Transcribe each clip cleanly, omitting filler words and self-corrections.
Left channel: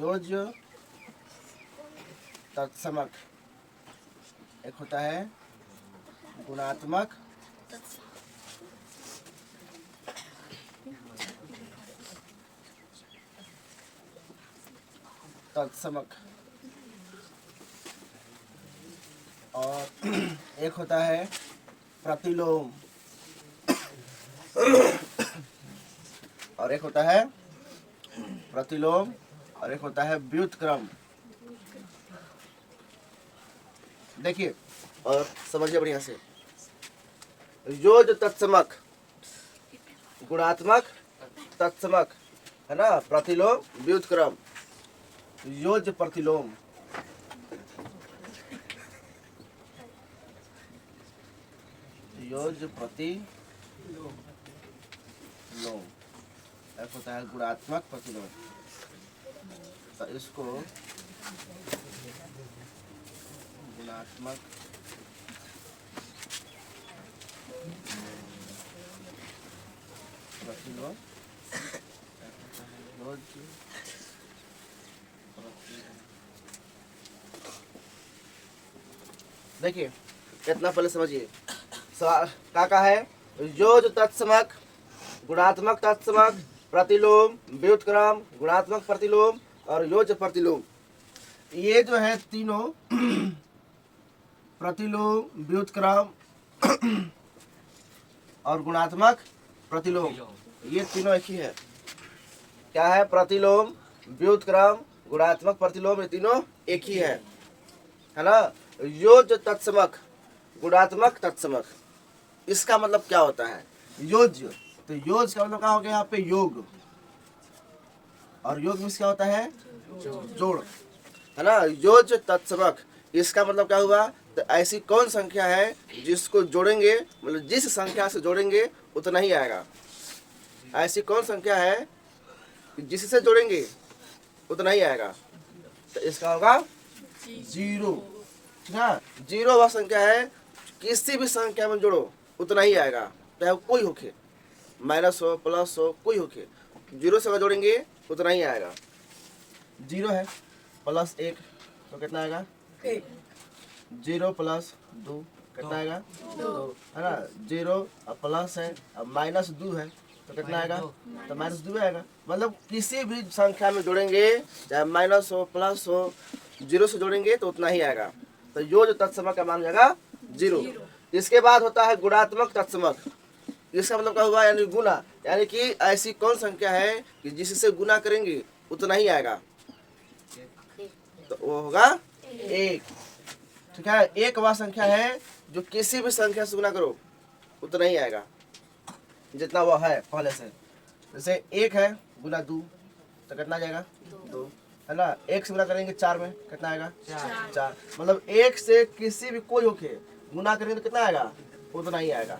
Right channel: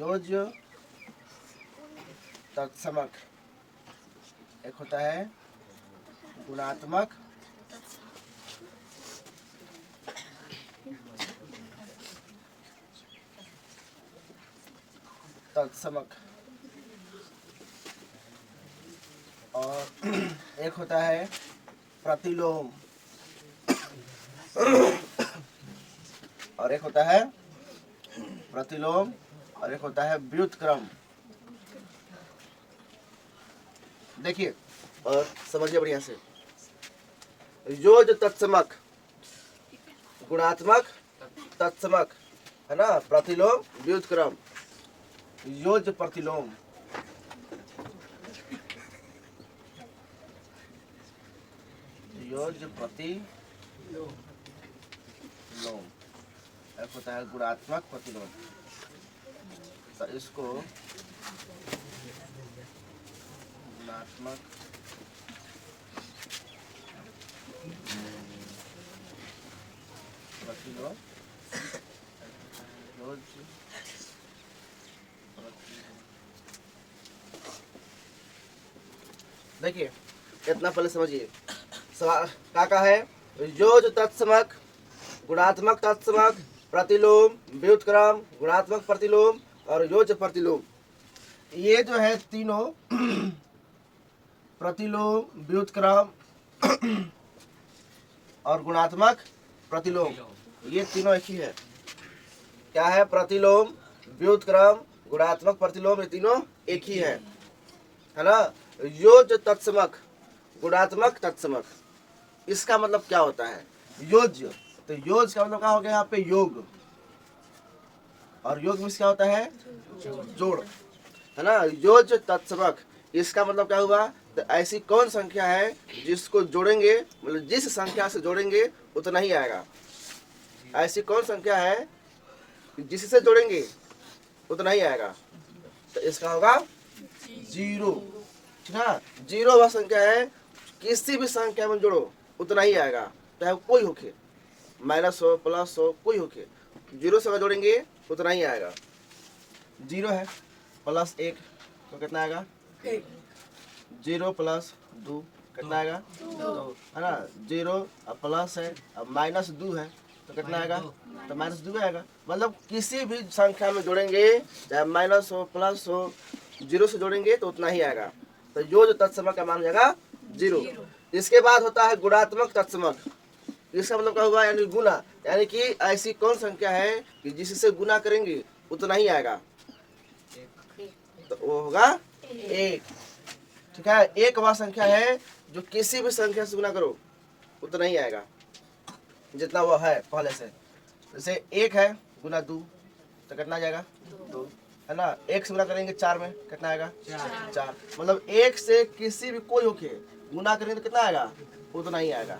योज्य तत्समक, एक होता है गुणात्मक तत्समक, और एक होता है प्रतिलोम, और एक होता है प्रतिलोम, और एक होता है व्युत्क्रम। देखिए और समझिए बढ़िया से। योज्य तत्समक, गुणात्मक तत्समक, है ना, प्रतिलोम व्युत्क्रम। योज्य प्रतिलोम, योज्य प्रतिलोम, एक होता है गुणात्मक प्रतिलोम। तो इसको गुणात्मक प्रतिलोम, योज्य देखिए इतना पहले समझिए। क्या है? योज्य तत्समक, गुणात्मक तत्समक, प्रतिलोम, व्युत्क्रम, गुणात्मक प्रतिलोम और योज्य प्रतिलोम। ये जो है तीनों प्रतिलोम, व्युत्क्रम और गुणात्मक प्रतिलोम, ये तीनों एक ही है। क्या है? प्रतिलोम, व्युत्क्रम, गुणात्मक प्रतिलोम, ये तीनों एक ही है ना। योज्य तत्समक, गुणात्मक तत्समक, इसका मतलब क्या होता है? योज्य, तो योज्य का मतलब क्या हो गया यहाँ पे? योग, और योग में क्या होता है? जोड़, है ना। योज्य तत्समक, इसका मतलब क्या हुआ? तो ऐसी कौन संख्या है जिसको जोड़ेंगे, मतलब जिस संख्या से जोड़ेंगे उतना ही आएगा। ऐसी कौन संख्या है जिससे जोड़ेंगे उतना ही आएगा? तो इसका होगा जीरो, ठीक है। जीरो वह संख्या है किसी भी संख्या में जोड़ो उतना ही आएगा, चाहे कोई होके, माइनस हो, प्लस हो, कोई होके, जीरो से अगर जोड़ेंगे उतना ही आएगा। जीरो है प्लस एक तो कितना आएगा? एक। जीरो प्लस दो कितना आएगा? दो, है ना। जीरो अब प्लस है, अब माइनस दो है तो कितना आएगा? तो माइनस दो आएगा। मतलब किसी भी संख्या में जोड़ेंगे, चाहे माइनस हो, प्लस हो, जीरो से जोड़ेंगे तो उतना ही आएगा। तो योज्य तत्समक का मान जाएगा जीरो। इसके बाद होता है गुणात्मक तत्समक। इसका मतलब क्या हुआ? यानी गुना, यानी कि ऐसी कौन संख्या है कि जिससे गुना करेंगे उतना ही आएगा, तो वो होगा एक, ठीक है। एक वह संख्या है जो किसी भी संख्या से गुना करो उतना ही आएगा जितना वह है पहले से। जैसे एक है गुना दो तो कितना आ जाएगा? दो, है ना। एक से गुना करेंगे चार में कितना आएगा? चार। मतलब एक से किसी भी कोई होके गुना करेंगे तो कितना आएगा? उतना ही आएगा।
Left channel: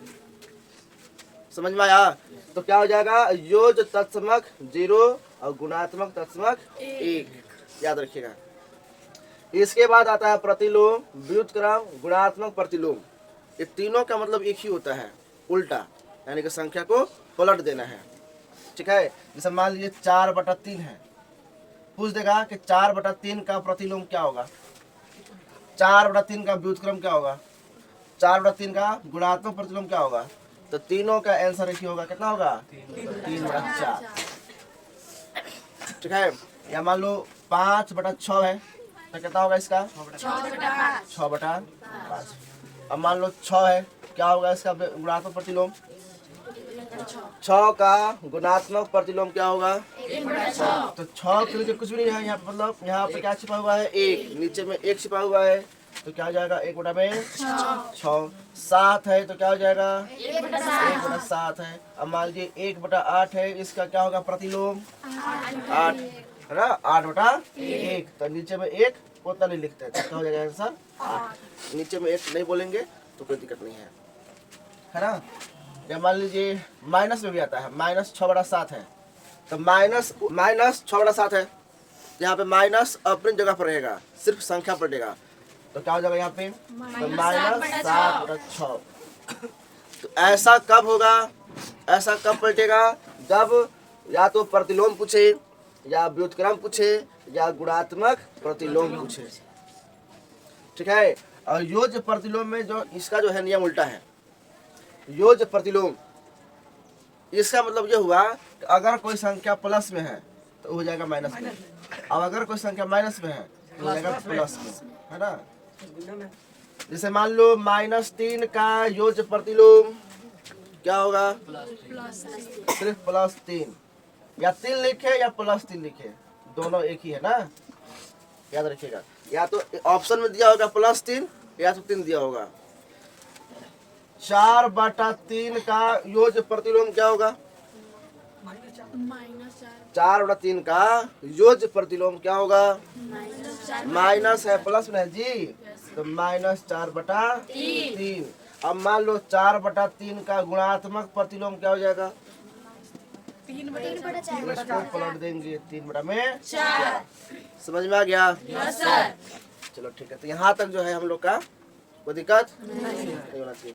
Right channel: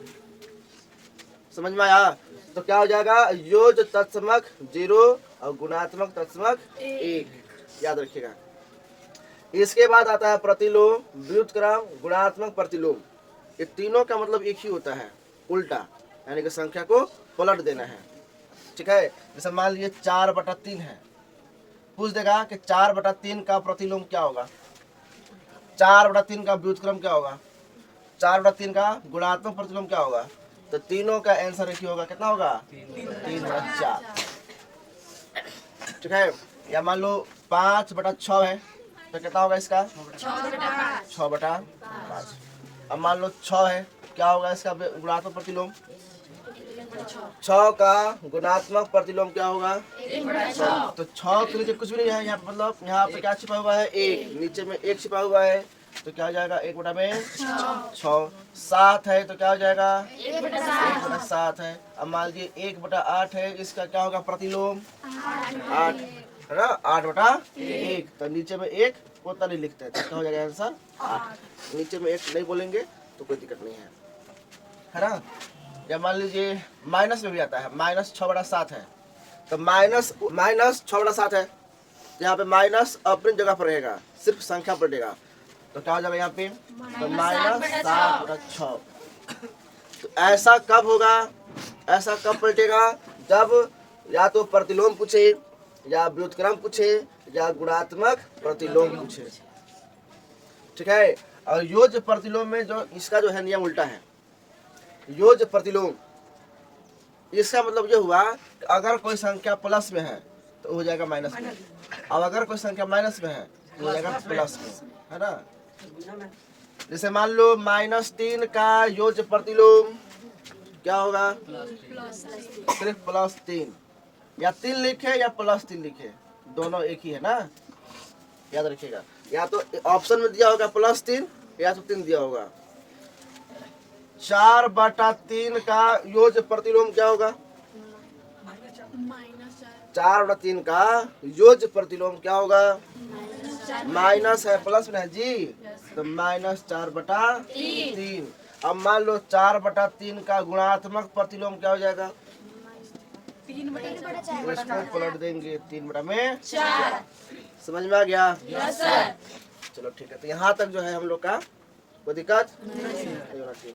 समझ में आया? तो क्या हो जाएगा? योज्य तत्समक जीरो और गुणात्मक तत्समक एक, याद रखिएगा। इसके बाद आता है प्रतिलोम, व्युत्क्रम, गुणात्मक प्रतिलोम। ये तीनों का मतलब एक ही होता है, उल्टा, यानी कि संख्या को पलट देना है, ठीक है। जैसे मान लीजिए 4/3 है, पूछ देगा कि 4/3 का प्रतिलोम क्या होगा, 4/3 का व्युत्क्रम क्या होगा, 4/3 का गुणात्मक प्रतिलोम क्या होगा। तो तीनों का आंसर एक ही होगा, कितना होगा? 3/4, ठीक है। या मान लो 5/6 है तो कितना होगा इसका? 6/5। अब मान लो 6 है, क्या होगा इसका गुणात्मक प्रतिलोम? 6 का गुणात्मक प्रतिलोम क्या होगा? 6। तो 6 के नीचे कुछ भी नहीं है यहाँ पे, मतलब यहाँ पे क्या छिपा हुआ है? एक, नीचे में एक छिपा हुआ है तो क्या हो जाएगा? 1/6। 7 है तो क्या हो जाएगा? 1/7 है। अब मान लीजिए 1/8 है, इसका क्या होगा प्रतिलोम? 8, है ना। 8/1, तो नीचे में एक उतना नहीं लिखते हैं, तो क्या हो जाएगा आंसर? 8। नीचे में एक नहीं बोलेंगे तो कोई दिक्कत नहीं है ना। या मान लीजिए माइनस में भी आता है, -6/7 है, तो -6/7 है, यहाँ पे माइनस अपनी जगह पर रहेगा, सिर्फ संख्या पर रहेगा, तो क्या हो जाएगा यहाँ पे? तो -7/6। तो ऐसा कब होगा? ऐसा कब पलटेगा? जब या तो प्रतिलोम पूछे या व्युत्क्रम पूछे या गुणात्मक प्रतिलोम पूछे, ठीक है। और योज्य प्रतिलोम में जो इसका जो है नियम उल्टा है। योज्य प्रतिलोम इसका मतलब ये हुआ कि अगर कोई संख्या प्लस में है तो हो जाएगा माइनस में, अब अगर कोई संख्या माइनस में है तो हो जाएगा प्लस में, है ना। जैसे मान लो -3 का योज्य प्रतिलोम क्या होगा, सिर्फ +3, या 3 लिखे या +3 लिखे, दोनों एक ही है ना, याद रखिएगा। या तो ऑप्शन में दिया होगा +3 या तो 3 दिया होगा। 4/3 का योज्य प्रतिलोम क्या होगा, -4/3 का योज्य प्रतिलोम क्या होगा, माइनस है प्लस में है जी, तो -4/3। अब मान लो 4/3 का गुणात्मक प्रतिलोम क्या हो जाएगा, इसको पलट देंगे 3/4। समझ में आ गया? चलो ठीक है, तो यहाँ तक जो है हम लोग का कोई दिक्कत नहीं होना चाहिए।